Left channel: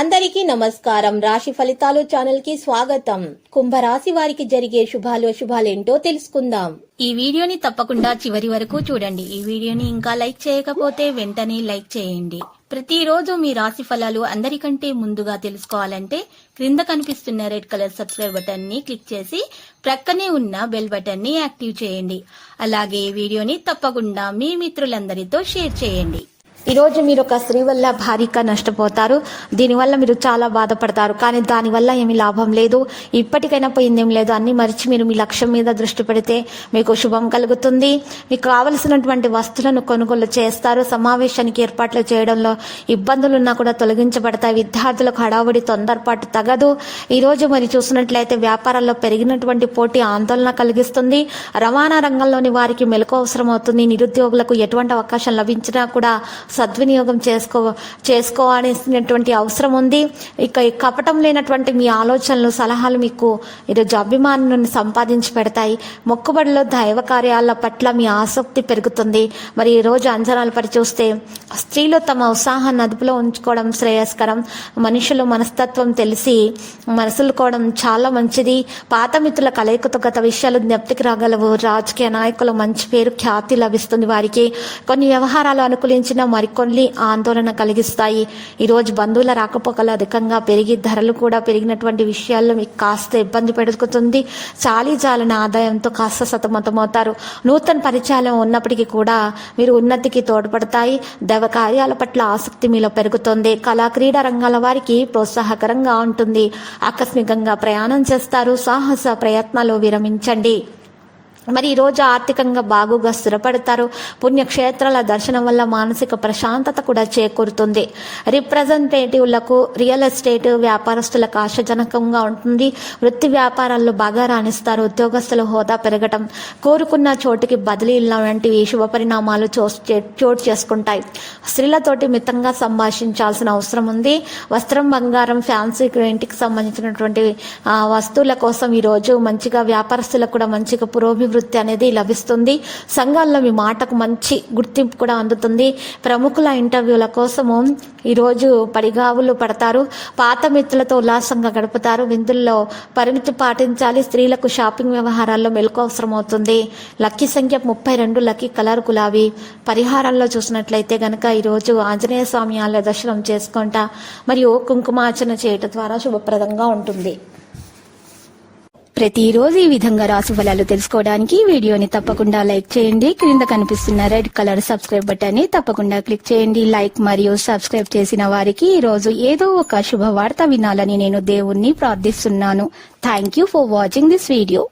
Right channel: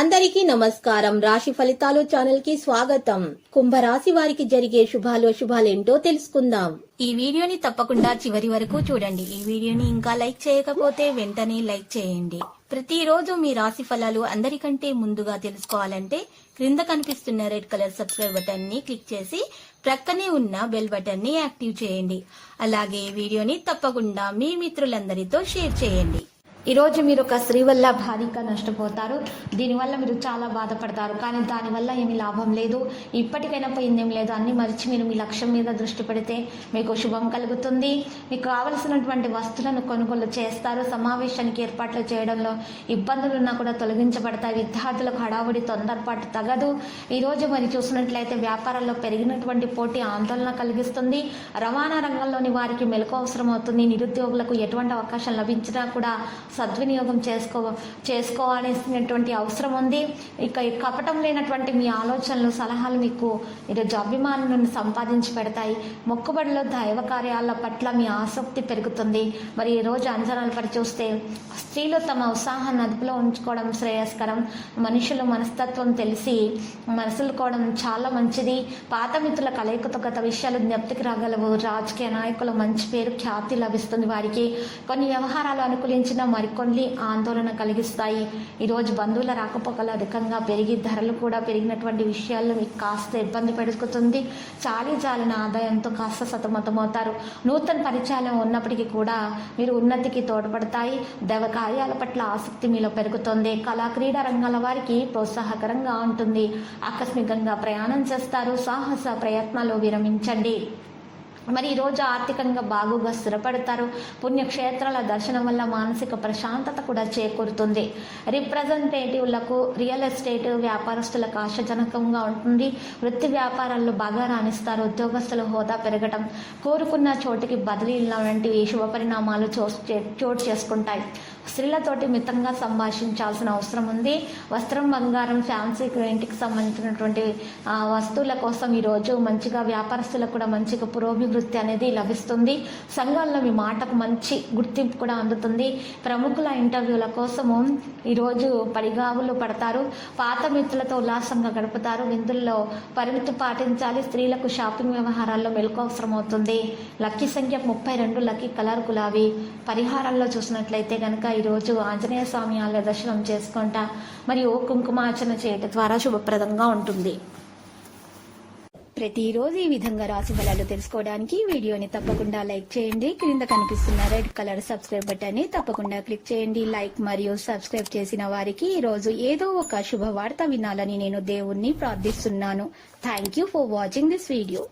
అందరికీ నమస్కారం. రాశి ఫలితాలు ఛానల్ కి స్వాగతం. కుంభరాశి వారికి జరిగే శుభాలేంటో తెలుసుకుందాం. ఈ వీడియోని తప్పకుండా చివరి వరకు చూడండి. ఈ వీడియోని ఇంకా లైక్ చేయకపోతే వెంటనే లైక్ చేయండి. ప్రతిరోజు మీ రాశి ఫలాలు అందరికంటే ముందుగా తెలుసుకోవాలంటే క్రింద కనిపిస్తున్న రెడ్ కలర్ సబ్స్క్రైబ్ బటన్ ని క్లిక్ చేసి ప్రక్కనే ఉన్న బెల్ బటన్ ని యాక్టివ్ చేయండి. అలాగే ఈ వీడియోని తప్పకుండా మీ మిత్రులందరితో షేర్ చేయండి. ఈరోజు మీరు ఒక స్త్రీ వల్ల భారీగా నష్టపోతారు. దీనివల్ల మీరు చాలా బాధపడతారు. కానీ దానివల్ల ఏమీ లాభం లేదు. ఇప్పటికైనా పోయిందేం లేదు. అన్ని మరిచి మీరు మీ లక్ష్యం మీద దృష్టి పెడితే మీకు శుభం కలుగుతుంది. మీకు కావలసినటువంటి వస్తువులను కొనుగోలు చేస్తారు. సమావేశానికి ఏర్పాట్లు చేయడంలో ఇబ్బందులున్నా కూడా తొలగించబడతాయి. విద్యార్థులకు హడావుడి తొందరపాటు తగదు. ఈరోజు మరి చూసినట్లయితే వ్యాపారాల్లో పెరిగినటువంటి పోటీ ఆందోళన కలిగిస్తుంది. రవాణా రంగంలోని వారికి మెలకు అవసరం అవుతుంది. నిరుద్యోగులకు ఎటువంటి అవకాశం లభించినా కూడా సద్వినియోగం చేసుకోవాల్సినటువంటి అవసరం ఉంది. ఇక కపటం లేనటువంటి మీ ఆలోచనలు సలహాలు మీకు ఈరోజు అభిమానులను సంపాదించి పెడతాయి. మొక్కుబడిలో దైవ కార్యాల పట్ల మీ ఆసక్తి పెరుగుతుంది. మరి ఈ రోజు అంచనాలు పరిచూస్తే స్త్రీలు తమ ఉత్సాహాన్ని అదుపులో ఉంచుకోవడం శ్రేయస్కరం. మనుషులు మనస్తత్వం తెలిసి మనసులుకోవడం చాలా మంచిది. పాత మిత్రుల కలయికతో గత విషయాలు జ్ఞప్తికి రాగలవు. రాజకీయ నాయకులు మంచి పేరు ఖ్యాతి లభిస్తుంది. వారికి కొన్ని వ్యవహారాలు అనుకూలించిన మరికొన్ని ఆందోళన కలిగిస్తాయి. ఈరోజు బంధువుల రాకపోకలు అధికంగా పెరిగి ధరలు కూడా పెరిగినటువంటి విషయాల్లో మీకు కాస్త ఇబ్బంది పెరుగుతుంది. చాలీజాలన ఆదాయంతో కాస్త సతమతమవుతారు. నూతన పరిచయాలు ఉన్నప్పటికీ కూడా మీరు ఉన్నతికి తోడ్పడతాయి. దైవ కార్యాల పట్ల ఆసక్తి మీలో పెరుగుతుంది. కళా క్రీడా రంగాల వారికి ప్రోత్సాహకరంగా ఉంటుంది. ఆకస్మికంగా ప్రయాణం చేస్తారు. సాహస ప్రయత్నాలు విరమించండి. మరి ఈరోజు ఆర్థికంగా బాగుగా స్థిరపడతారు. పుణ్యక్షేత్రాల దర్శనం వల్ల మానసిక ప్రశాంతత కూడా చేకూరుతుంది. రిప్రజెంటేటివ్లకు రియల్ ఎస్టేట్ వ్యాపారస్తులకు ఆశాజనకంగా ఉంటుంది. వృత్తి వ్యాపారాల్లో బాగా రాణిస్తారు. ఉద్యోగస్తుల హోదా పెరగటం, కోరుకున్న చోటుకి బదిలీల వంటివి శుభ పరిణామాలు చోటు చేసుకుంటాయి. స్త్రీలతోటి మితంగా సంభాషించాల్సిన అవసరం ఉంది. వస్త్రం, బంగారం, ఫ్యాన్సీ ఇంటికి సంబంధించినటువంటి వస్తువుల కోసం ఈరోజు మంచిగా వ్యాపారస్తులకు కూడా మంచిగా పురోభివృద్ధి అనేది లభిస్తుంది. సంఘాల్లో మీ మాటకు మంచి గుర్తింపు కూడా అందుతుంది. ప్రముఖుల ఇంటర్వ్యూల కోసము ఈరోజు పడిగావులు పడతారు. పాత మిత్రులతో ఉల్లాసంగా గడుపుతారు. విందుల్లో పరిమితి పాటించాలి. స్త్రీలకు షాపింగ్ వ్యవహారాల్లో మెలకు అవసరం అవుతుంది. లక్కీ సంఖ్య 32, లక్కీ కలర్ గులాబీ. పరిహారంలో చూసినట్లయితే గనక ఈరోజు ఆంజనేయ స్వామి ఆలయ దర్శనం చేసుకుంటా మరియు కుంకుమార్చన చేయటం ద్వారా శుభప్రదంగా ఉంటుంది. ప్రతిరోజు ఈ విధంగా రాశి ఫలాలు తెలుసుకోవడానికి వీడియోని తప్పకుండా లైక్ చేయండి. క్రింద కనిపిస్తున్న రెడ్ కలర్ సబ్స్క్రైబ్ బటన్ ని తప్పకుండా క్లిక్ చేయండి. లైక్ మరియు సబ్స్క్రైబ్ చేసిన వారికి ఈ రోజు ఏదో ఒక శుభవార్త వినాలని నేను దేవుణ్ణి ప్రార్థిస్తున్నాను. Thank you for watching this video.